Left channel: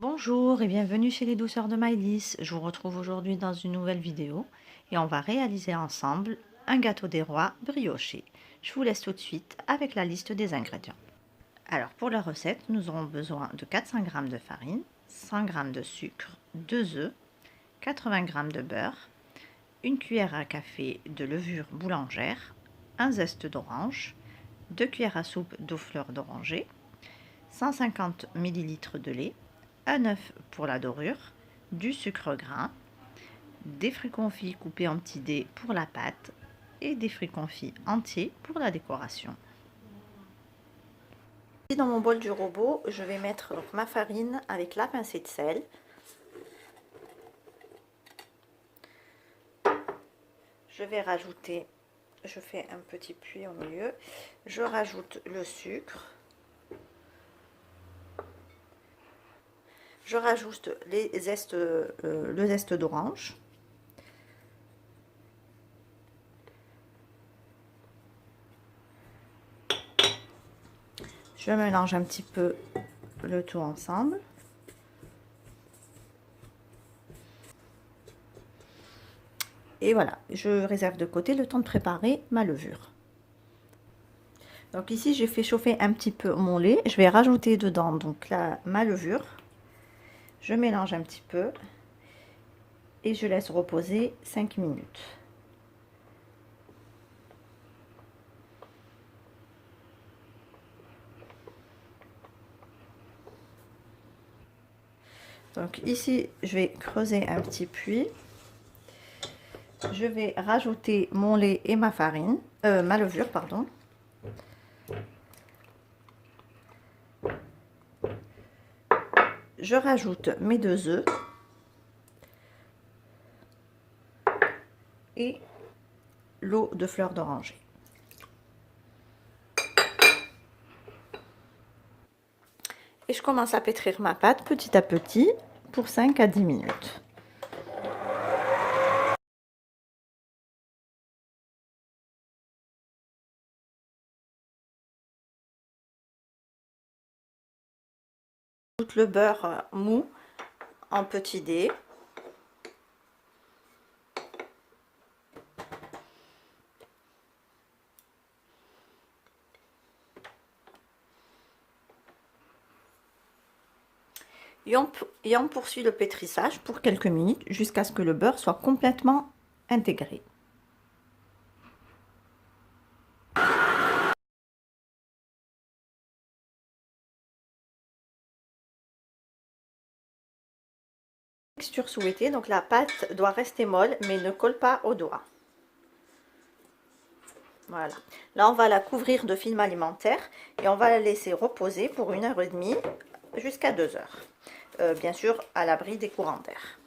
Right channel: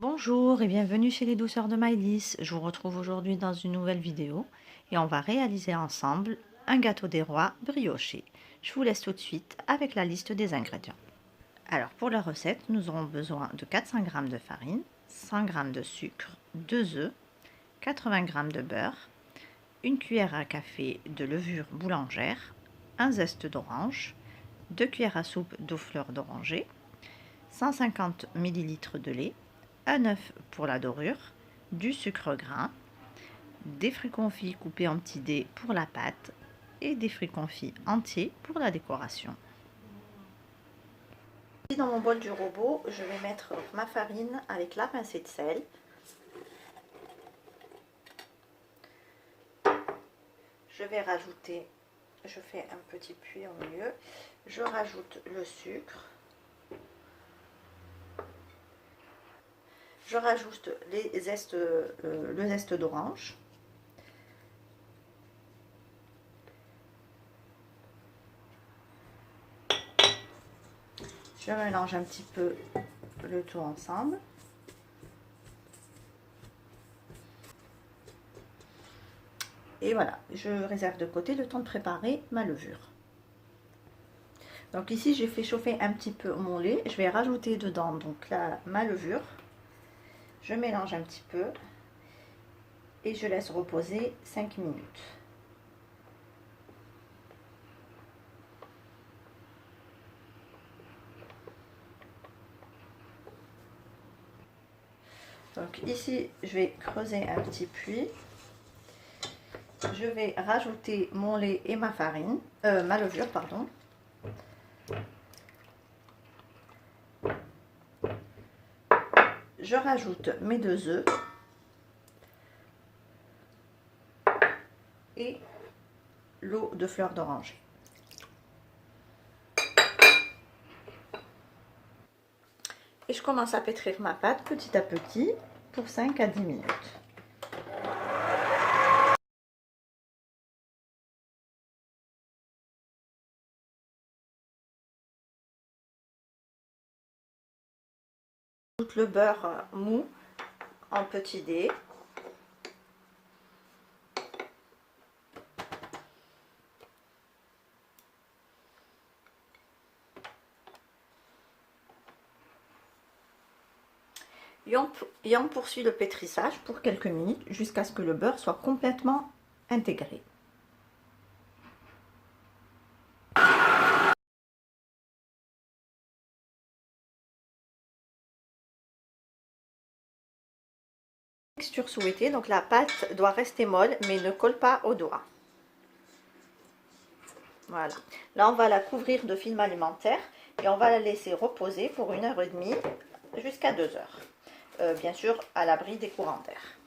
Bonjour et bienvenue chez les douceurs de Maïlis. Je vous retrouve aujourd'hui dans une nouvelle vidéo et on va réaliser ensemble un gâteau des rois brioché. Je vous laisse tout de suite avec la liste des ingrédients. Alors pour la recette, nous aurons besoin de 400 g de farine, 100 g de sucre, 2 œufs, 80 g de beurre, une cuillère à café de levure boulangère, un zeste d'orange, 2 cuillères à soupe d'eau fleur d'oranger, 150 ml de lait, un œuf pour la dorure, du sucre grain, des fruits confits coupés en petits dés pour la pâte et des fruits confits entiers pour la décoration. Dans mon bol du robot, je vais mettre ma farine avec la pincée de sel. Je vais rajouter, je fais un petit puits au milieu, je rajoute le sucre. Je rajoute le zeste d'orange. Je mélange un petit peu le tout ensemble. Et voilà, je réserve de côté le temps de préparer ma levure. Donc ici, j'ai fait chauffer un petit peu mon lait. Je vais rajouter dedans donc ma levure. Je mélange un petit peu et je laisse reposer 5 minutes. Donc ici, je vais creuser un petit puits. Je vais rajouter mon lait et ma farine, ma levure, pardon. Je rajoute mes 2 œufs et l'eau de fleur d'oranger. Et je commence à pétrir ma pâte petit à petit pour 5 à 10 minutes. J'ajoute le beurre mou en petits dés. Et on poursuit le pétrissage pour quelques minutes jusqu'à ce que le beurre soit complètement intégré. Texture souhaitée, donc la pâte doit rester molle mais ne colle pas aux doigts. Voilà. Là, on va la couvrir de film alimentaire et on va la laisser reposer pour 1h30 jusqu'à 2h. Bien sûr, à l'abri des courants d'air.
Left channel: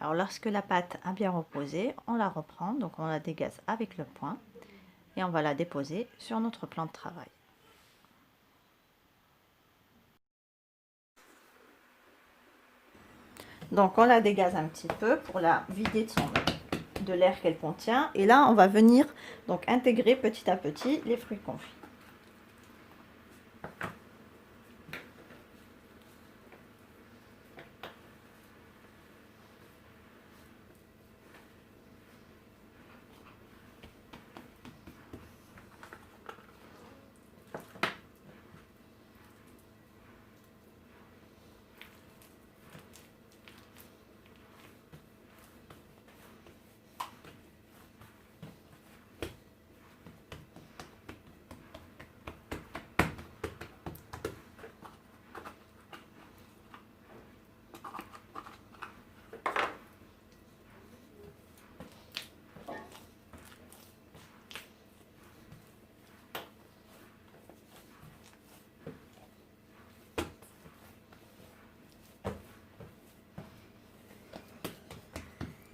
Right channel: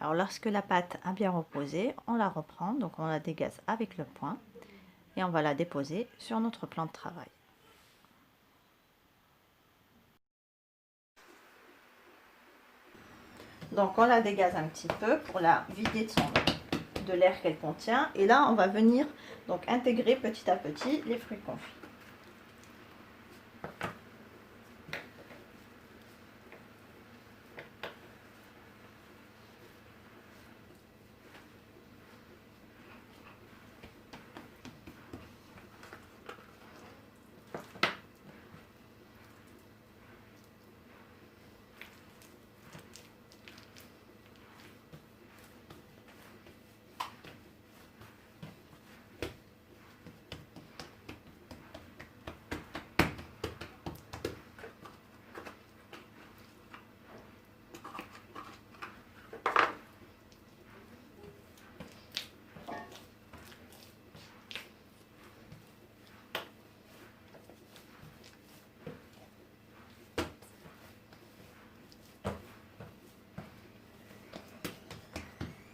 Alors, lorsque la pâte a bien reposé, on la reprend, donc on la dégaze avec le poing et on va la déposer sur notre plan de travail. Donc on la dégaze un petit peu pour la vider de l'air qu'elle contient. Et là, on va venir donc intégrer petit à petit les fruits confits.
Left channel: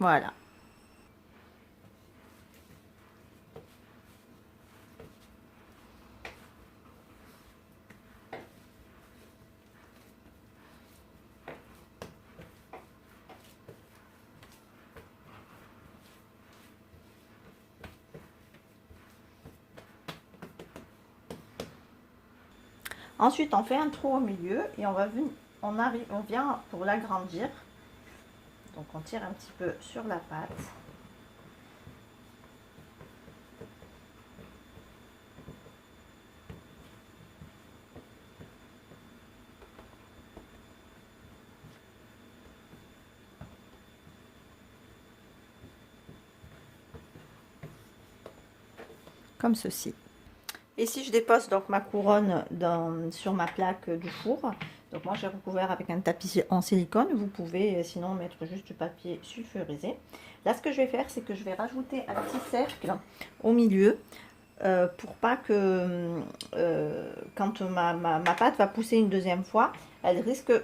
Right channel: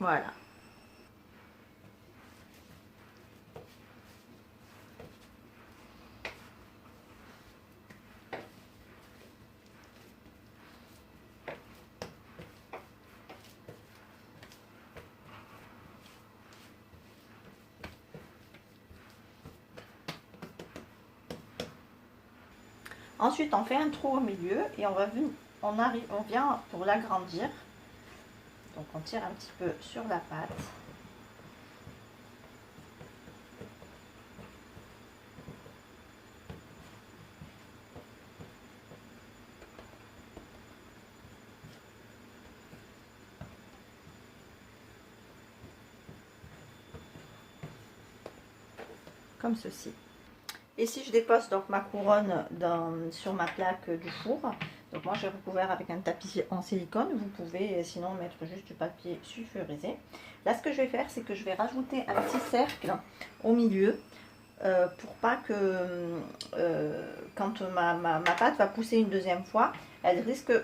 Voilà. Ensuite, on fait un trou au milieu et on vient pour l'agrandir. Donc, on tire un petit peu sur la pâte. Comme ceci. Et si je dépose donc ma couronne sur ma plaque du four, donc moi j'ai recouvert avec un tapis en silicone, vous pouvez sinon mettre juste du papier sulfurisé. Là ce que je vais faire, c'est que je vais rajouter un petit cercle au milieu pour pas que quand ma pâte va pousser une deuxième fois,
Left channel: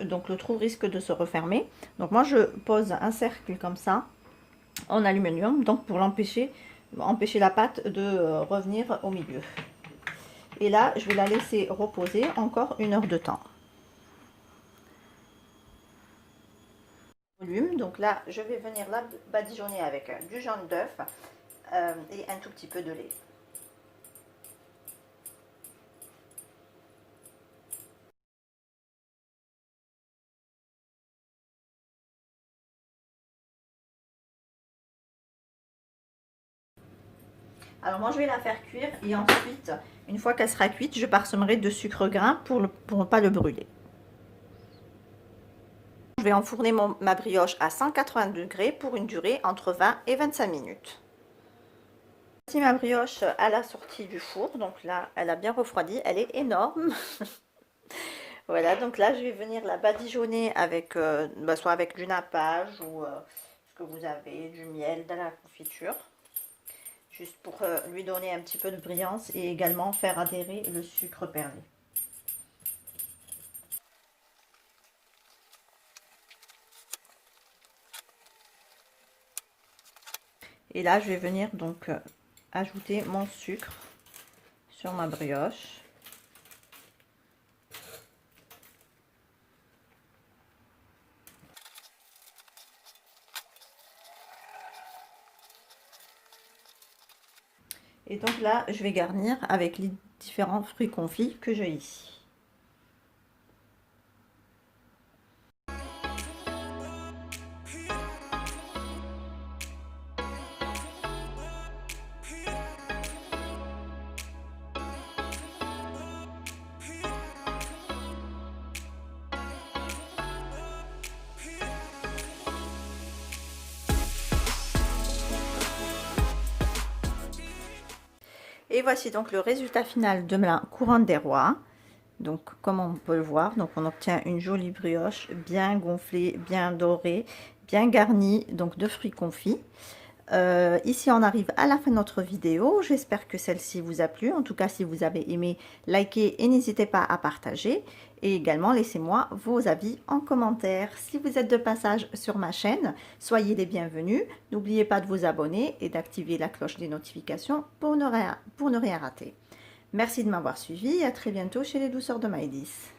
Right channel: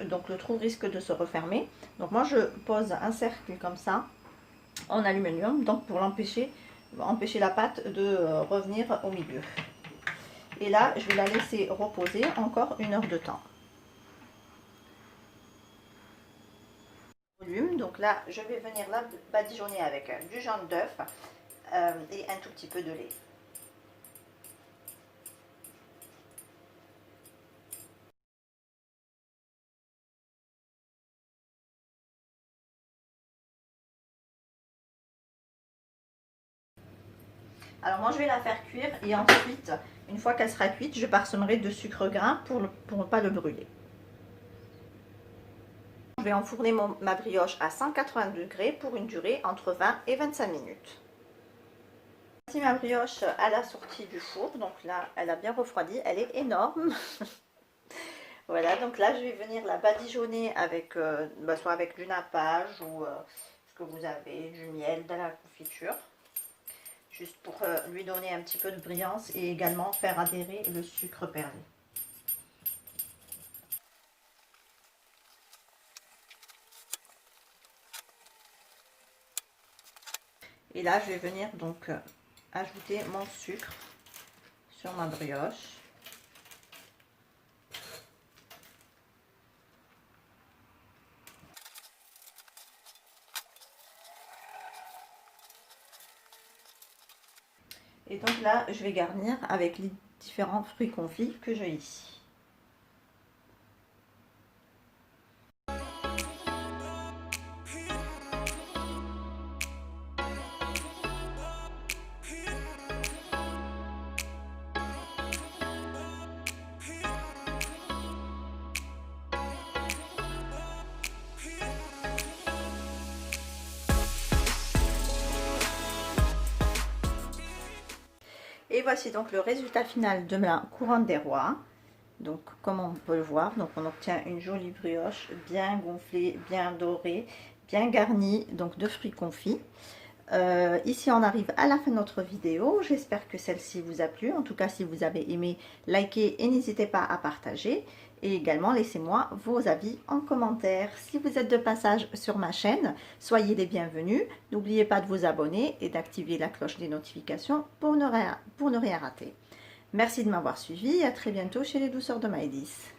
donc le trou risque de se refermer. Donc moi je pose un cercle comme ça en aluminium, donc pour empêcher la pâte de revenir au milieu. Et là, je vais la laisser reposer encore 1 heure de temps. Donc là, je vais venir la badigeonner avec du jaune d'œuf et un tout petit peu de lait. Alors moi je vais la faire cuire et ensuite, une fois qu'elle sera cuite, je parsemerai de sucre grain pour ne pas le brûler. Je vais enfourner ma brioche à 180 degrés pour une durée entre 20 et 25 minutes. Voici ma brioche à la sortie du four, donc là elle a bien refroidi, elle est énorme. Voilà, donc là je vais venir la badigeonner avec soit avec du nappage ou ce que vous avez, du miel, de la confiture. Juste pour lui donner un petit peu de brillance et également faire adhérer le sucre perlé. Et là, je vais venir donc ajouter mon sucre sur ma brioche. Et donc là, je vais garnir avec les différents fruits confits que j'ai ici. Et voici donc le résultat final de ma couronne des rois. Donc comme on peut le voir, donc on obtient une jolie brioche bien gonflée, bien dorée, bien garnie donc de fruits confits. Ici on arrive à la fin de notre vidéo. J'espère que celle-ci vous a plu. En tout cas, si vous avez aimé, likez et n'hésitez pas à partager. Et également laissez-moi vos avis en commentaire. Si vous êtes de passage sur ma chaîne, soyez les bienvenus. N'oubliez pas de vous abonner et d'activer la cloche des notifications pour ne rien rater. Merci de m'avoir suivi et à très bientôt chez les douceurs de Maëlys.